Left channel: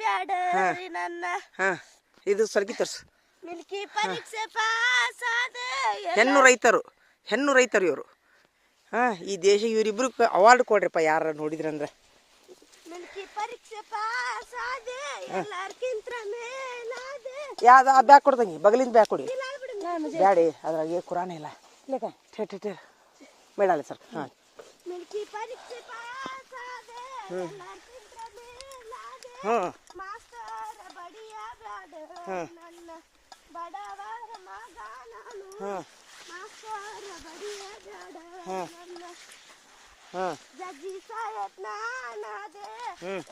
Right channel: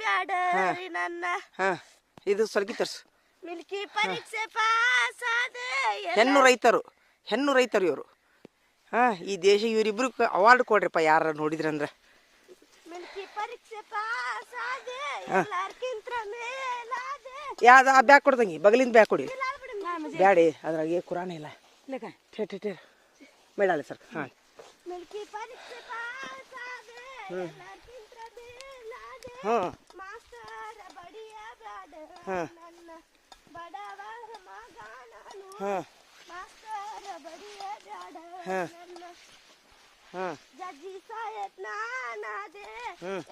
ಬ್ಯಾಡರಿ ನನ್ನ ಹಾ ಇದು ಸಲ್ಗಿ ತರ್ಸು. ಮಿಲ್ಕಿ ಪರೀಕ್ಷೆ ಪಾಸ್ ಆದೆ ಹೆಣ್ಣು ರೈತರು ಇವರು. ಹಾ ಈ ದೇಶ ಇವರಿಬ್ರು ಅವಾರ್ಡ್ ಕೊಡ್ರಿಪ್ಪ ಯಾರ ನೋಡಿದ್ರಂದ್ರೆ. ಮಿಲ್ಕಿ ಪರೀಕ್ಷೆ ಪಾಸ್ ಆದೆ ಎಲ್ಲಾರ್ಕಿಂತ ಮೇಲಾದೆ. ಯಾವ್ದು ಆ ಬ್ಯಾಗ್ ಕೊಡ್ದಂಗಿ ಬಗಲಿಂದ ಬ್ಯಾಗ್ ಕೊಡಿ. ಬ್ಯಾಡಿ ಅದ್ರಾಗೆ ಕುರಾನ ಇಲ್ಲ ಬೇಡಲ್ಲ ಸರ್. ಹಾಂ ಮಿಲ್ಕಿ ಪರೀಕ್ಷೆ ಪಾಸ್ ಆದೆ ಎಲ್ಲಾರ್ಕಿಂತ ಮೇಲಾದೆ. ಹಾಂ ಮಾಸ್ತರ ಬಡಿಯ ಬ್ಯಾಡ ನನ್ನ ಬಡವರ ಮಗ ನಾನು. ಹಾಂ ಮಾಸ್ತರ ಬಡಿಯ ಬ್ಯಾಡ ನನ್ನ ಹಾಂ ಜಜ್ಜಿ ಸಾಯತ್ ನಾನಾದೆ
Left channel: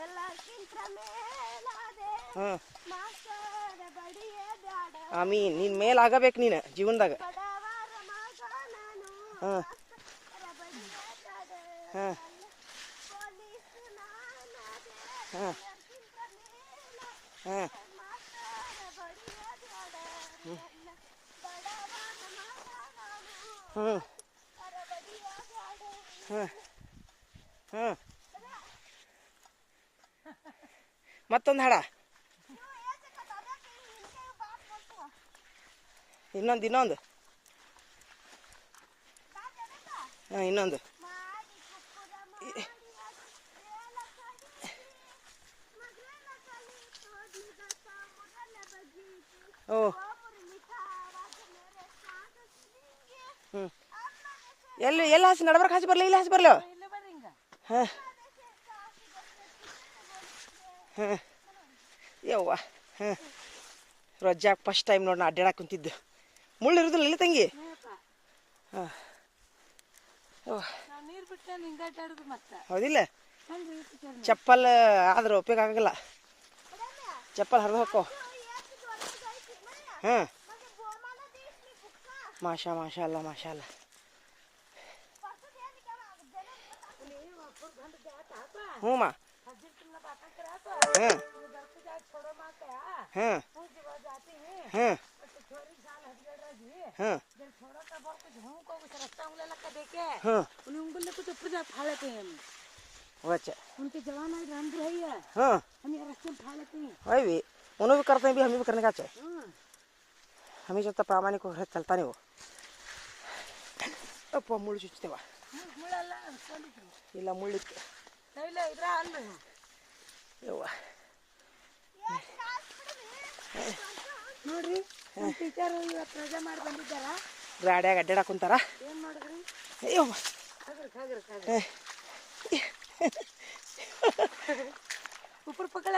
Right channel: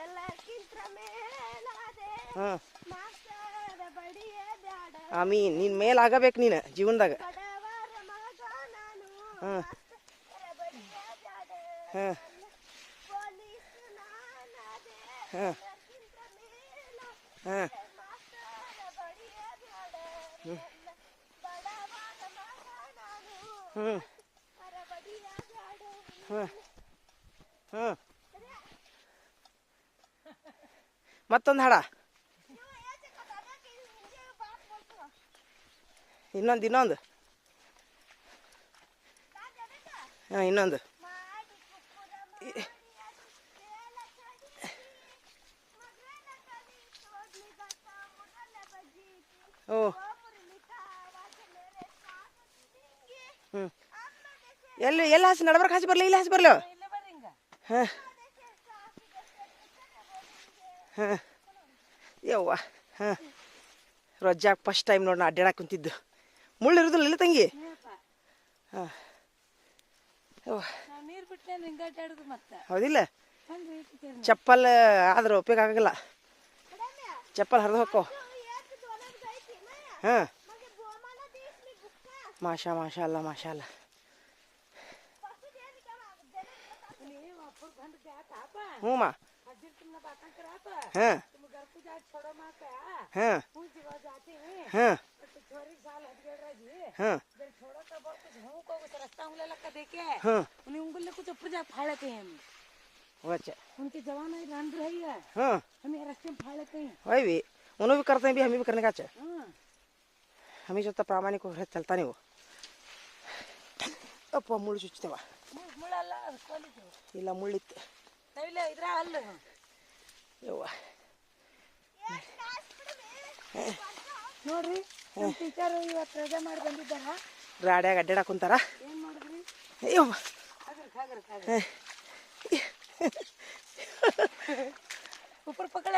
ಎಲ್ಲಾರ್ಕಿಂತ ಮೇಲಾದೆ. ಹಾಂ ಮಾಸ್ತರ ಬಡಿಯ ಬ್ಯಾಡ ಆಮೀ ನಿನ್ನ ಮೇಲೆ ಆಗಬೇಕು ನೀನು ಜೀವನದಾಗ. ಬಡವರ ಮಗ ನಾನು. ಹಾಂ ಮಾಸ್ತರ ಬಡಿಯ ಬ್ಯಾಡ ಹಾಂ ಪೊಲೀಸ್ ನಾನಾದೆ ಹಾಂ ಎಲ್ಲಾರ್ಕಿಂತ ಮೇಲಾದೆ. ಹಾಂ ಮಾಸ್ತರ ಬಡಿಯ ಬ್ಯಾಡ ನನ್ನ ಬಡವರ ಮಗ ನಾನು. ಹಾಂ ಮಾಸ್ತರ ಬಡಿಯ ಬ್ಯಾಡ. ಹಾಂ ಹಾಂ ಮತ್ತೊಂದು ಹಾಡ ಇನ್ನೊಂದು ಹಾಂ ಇನ್ನೊಂದು. ಓ ಹ್ಞೂ ಎಲ್ಲಿ ಹಾಸಿ ನಡ್ಬರ್ಕ್ ಹಾಸಿ ಬರಲಿ, ಇಲ್ಲಿ ಹಾಸಿ ಬರಲಿ. ಹಾಂ ಹಾಂ ಯವ್ವ ಹಾಂ ರೊಜ್ಜಾಗ ಫಸ್ಟ್ ಟೈಮ್ ನೋಡಿ ನಾ ಅಡ್ಡಾಡಕ್ಕೆ ಕುಂತಿದ್ದು. ಮುಳ್ಳು ಇರೋದಿಲ್ಲ ಇಲ್ಲ ತಂಗಿ. ಹಾಂ ಹೌದಿಲ್ಲ. ಚಪ್ಪಲ್ ಆದ್ರೆ ಉಪಯೋಗ ಆಗಲ್ಲ, ಚಪ್ಪಲ್ ಹರಿದು ಹೋಕ್ಕೋ. ಹಾಂ ಮಾಷಾ ಅಲ್ಲ ಹ್ಞೂ ಮಾ ಹಾಂ ಹಾಂ ಹಾಂ ಹಾಂ अच्छा उनके जवान है रंग है ये। हाँ हम ये रास्ते में फाड़ लेते हैं। वही भी उन्होंने भी करते हैं, भी हमें भी करने का चाहिए। हमें जो प्रामाणिक चलता नहीं वो अप्ಪ ಮುಳ್ಳು ಚುಚ್ಚುತ್ತೇವ ಇಲ್ಲ ಮುಳ್ಳಿತ್ತು ಯವ್ವ ನೋಡ್ರಿ ಟೀಚರ್ ಇವತ್ತು ರಜೆ ಮಾಡಿ ಬಂದಿದ್ದಾರ. ಗಾಡ್ಯಾಗ ಅಡ್ಡಾಡಕ್ ಕುಂತಾರ. ಏನ್ ಮಾಡಿದ್ರಿ? ಅಯ್ಯವ್ವ ಉಪ್ಪರ್ ಪಕ್ಕಳೆ